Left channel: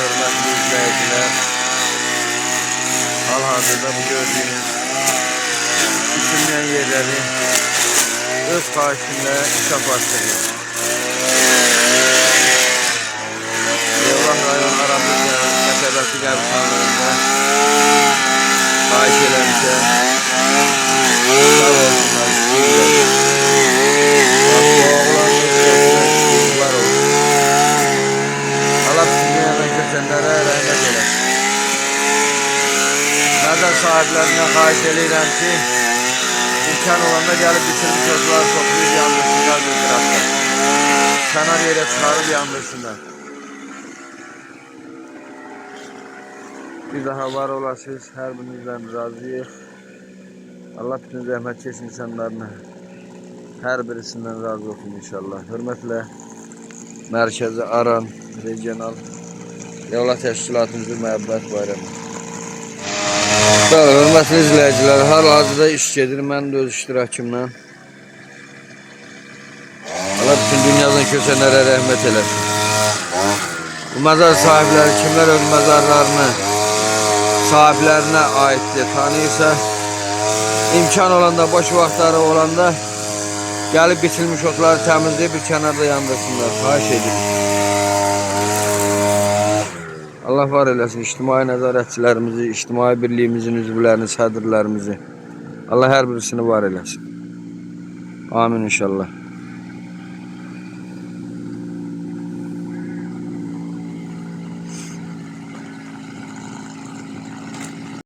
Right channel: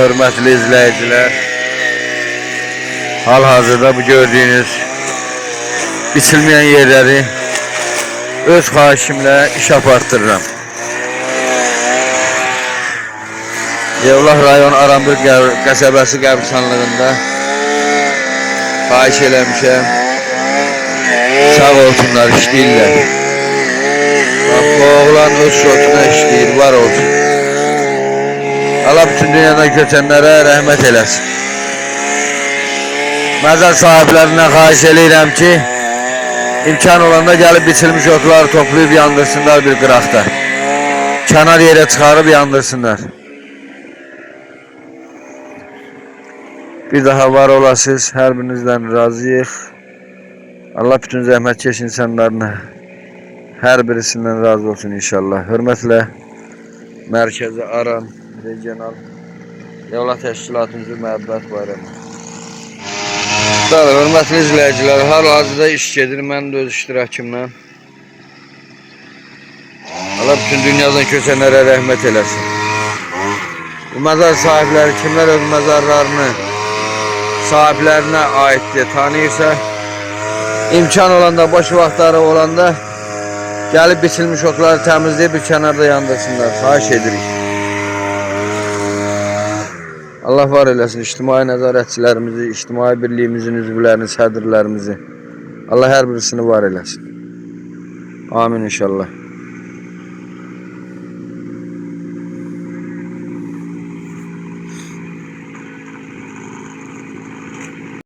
hörmətli izləyicilər. Hal-hazırda bu gördüyünüz biçilməyən yerləri öz xahişimlə iş apartdırıram. Yevlah rayon Aramdöz qəsəbəsi qəbirstanlığında xahiş eləmişəm. Sağ olsunlar, işləyirlər. Bak, bu oğlan öz şokuna işləyir, var olsun. Allah bütün dünyadan köçənlərə rəhmət eləsin. Məzar sahiblərindən xahiş eləyirəm ki, imkan olanda gəlib biçilmiş otları toplayıb yandırsınlar bir qıraqda. Kənar yerə çıxarıb yandırsınlar. Bir daha var olasınız, hər birinizdən razıyıq. Allah bütün zəhmətkeş insanlarına hər birisindən razı olsun inşallah. Hörmətlə Mərkəzi Aran Regional Yevlah Təşkilatımızın məhəbbət bayramı. Bəli, hörmətli izləyicilər, hal-hazırda iş gedir, mən də öz iştirakımla. Allah bütün dünyadan köçənlərə rəhmət eləsin. Bu məzar sahibləri kimlər öz məzarlarını sahiblərinə aiddir, tanıyırsa, imkan olanda, boş vaxtları olanda gəlib biçilmiş otları təmizləyib bir kənarda yandırsınlar. Xahiş edirik. Allah var eləsin ictimai nəzarətçilərimizi, ictimai birliyimizin üzvlərini, sədrlərimizi. Allah hər birisini var eləsin. Amin inşallah.